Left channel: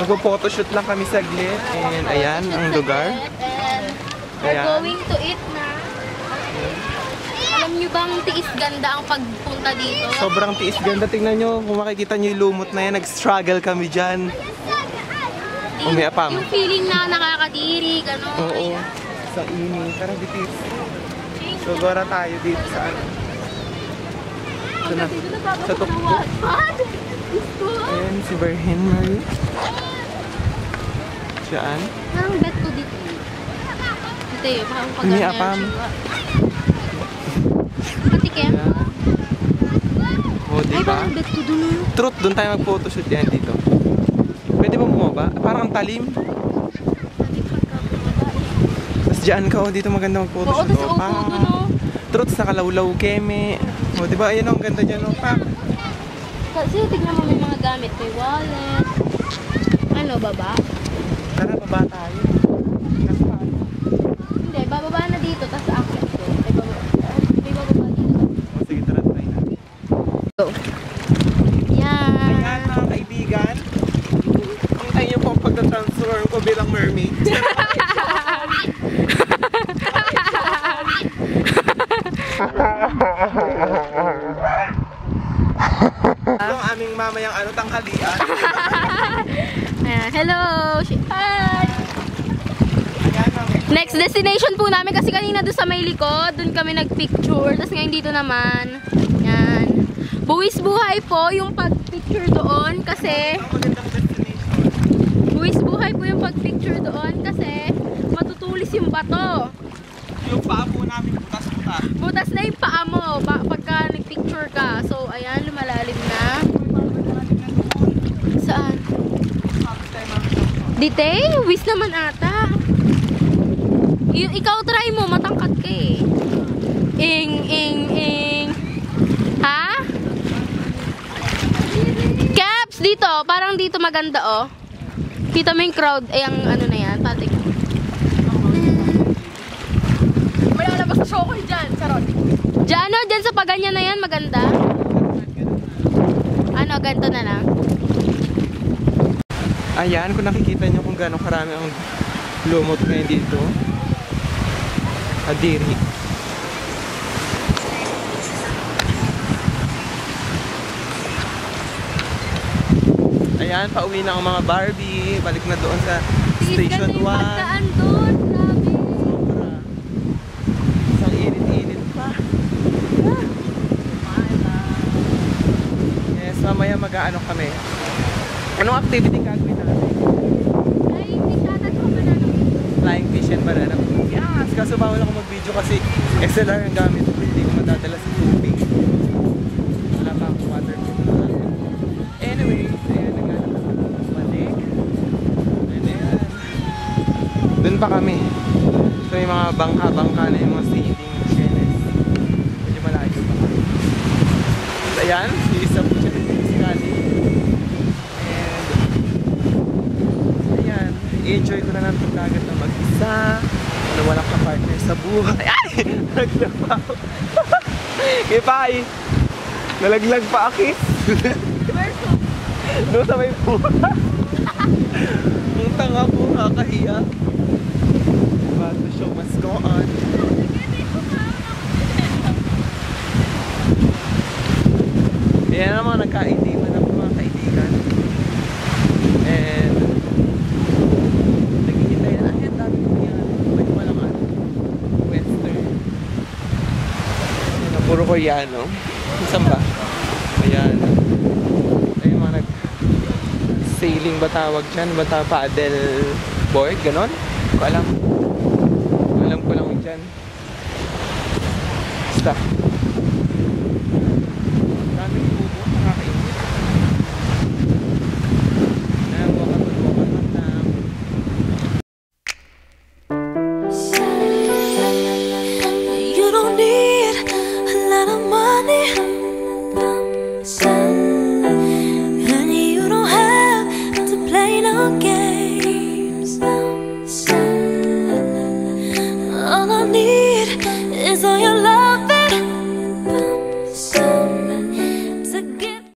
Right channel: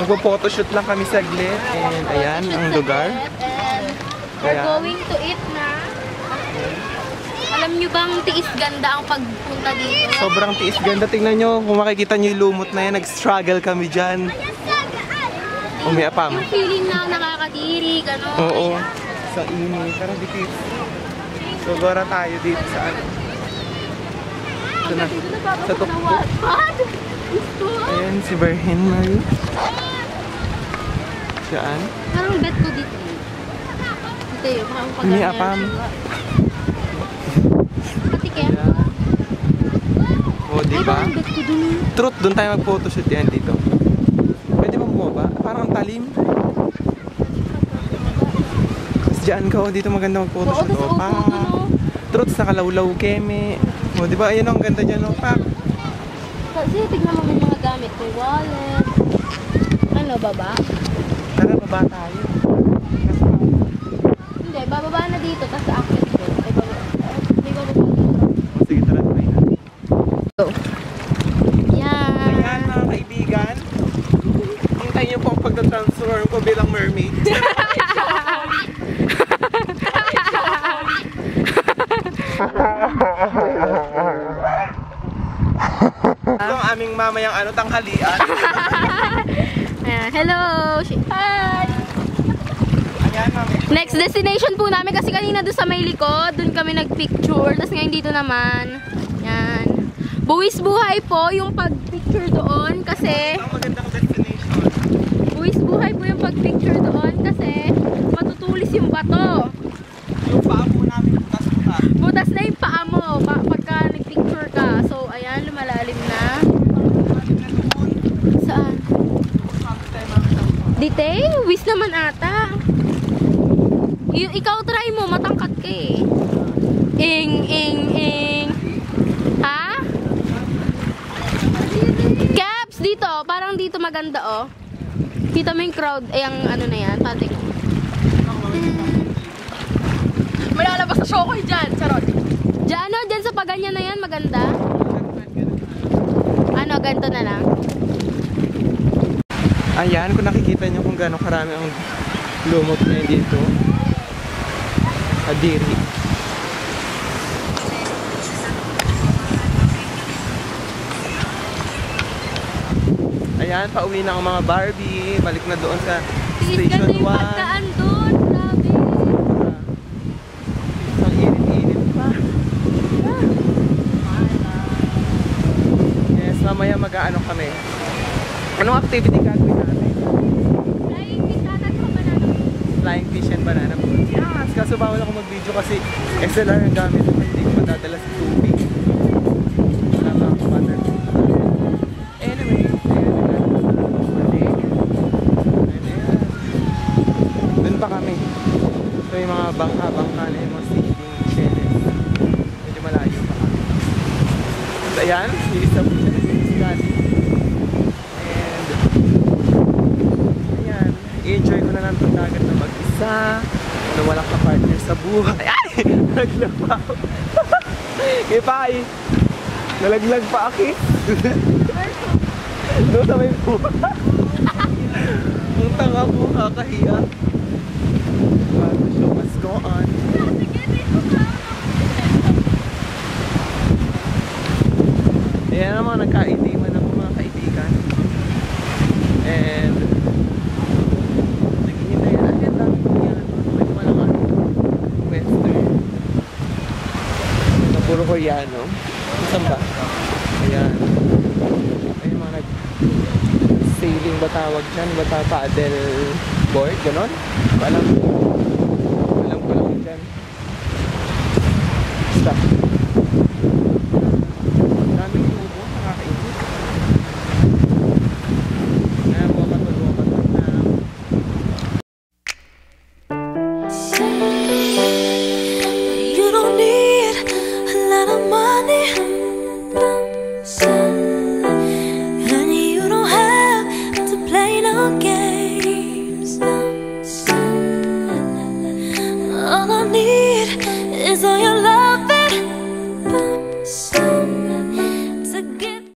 Magpo-photoshoot lang kami saglit. And ayan, ang lugar. And we're going to eat na. Alam nyo bang tiis ganda ang pagpunta dito? Sobrang tiis ganda. Tingnan nyo, kung makikita nyo yung lumot na yan, nag-struggle kami dyan. Umiapam. Yung feeling na nakakadiri, gano'n. Oo. Sa init. Tara, bitis. So, gora tayo dito sa ano. Sa tuktok. Ayan, si Virgin Mary. Saan? Parang bet ko dito. Dito yun, parang pag Umiapam. Patikim. O, Ay, diba? parang bet ko dun. Truth, doon tayo mag-photoshoot yan dito. Pwede ba bumaba? Parang ang talim. Tapos dyan ka, oh, dito maganda mag-photoshoot. Oo, O, pa. Truth, nakalawlaw keme. O, diba? Ayun, ang ganda dyan, o, pa. Kasi tignan mo yung mga gamit. May wallet. Ano, baba? Tara, baba tayo. Nasa paano? Hindi, bababa na dito. Tapos akit ko. May bababa dito. O, sige, tara, try na. Go. Yan. Ayan, mga kaibigan. Hintayin niyo po ang pagta-transform ko bilang mermaid. Ito ang aming mamayang ano, tanghalian. Ayan, hello! Hi! Ayan, mami. Next destination po namin kasi kanina doon sa may likod, doon kami nagpicture. Tapos ngayon dito naman. Yan. Buwis buhay po yung pagpicture doon kasi Ang magandang destination. buwis buhay po yung pagpicture doon kasi matutulis yung bato. Yung paa po namin butas-butas. Butas na yung paa mo pagka nagpicture ka. So ayan, lumalalim na. Saan? Dite? Wis naman ata. Ikaw try mo, matangkad ka eh. Ing. Ha? Caps, dito. Parang dito maganda oh. Kita mo yung crowd. Yung ano na yan. Tating mo. May lalabas sa show ko dyan. Charot. Diyan, ano? Diyan sa paganyan na yan. Maganda. Ano? Ganito na lang. Ayan, kung nakikita nyo kung gaano karami ang lumot ngayon dito. Adiri. Ayan, pauwi na ang mga Barbie. Balik na doon sa Station 1. Pagkaan doon. Grabe. Sobra. Isang init-init pa. Ah. Yes, mamaya mag-aano kami. Anong activity gagawin natin? Flying fish ata sa banana boat. Flying fish and banana boat. Yes! Kaso bawal ako mag-video kasi XLR ang gamit ko. Hindi ko madadala sa tubig. Wala pa akong waterproof na natin. Anyway, ayan, naglalakad na kami balik. And ayan. Doon pa kami. Ito yung mga bangka-bangka na yung mga feeding shells. Medyo malayo pa kami. At ayan, isa po siya nagsisikali. And ayan, i-enjoy ko na lang itong dagat na mag-isa. Na walang ka-partner sa buhay. Ay! Nalaglag pa ako. Kipay! Nalaglag pa ako. Doon sa may buha. Ang tanga ko, kakahiya. But the show must go on. Ayan na mga nagkaitiman ako mga kaibigan. And naghihintay na. Ay, ang dami ko yan. May walang ano. Western. Na puro Koreano. Saan ba? Ayan. Ay, mga nag-sailing ba tawag dyan? Ba paddle board? Ganon? Alam. Alam ko lang dyan. Basta. Daming lubo. Nakakainis. Wakaton na. You don't need a lot of money.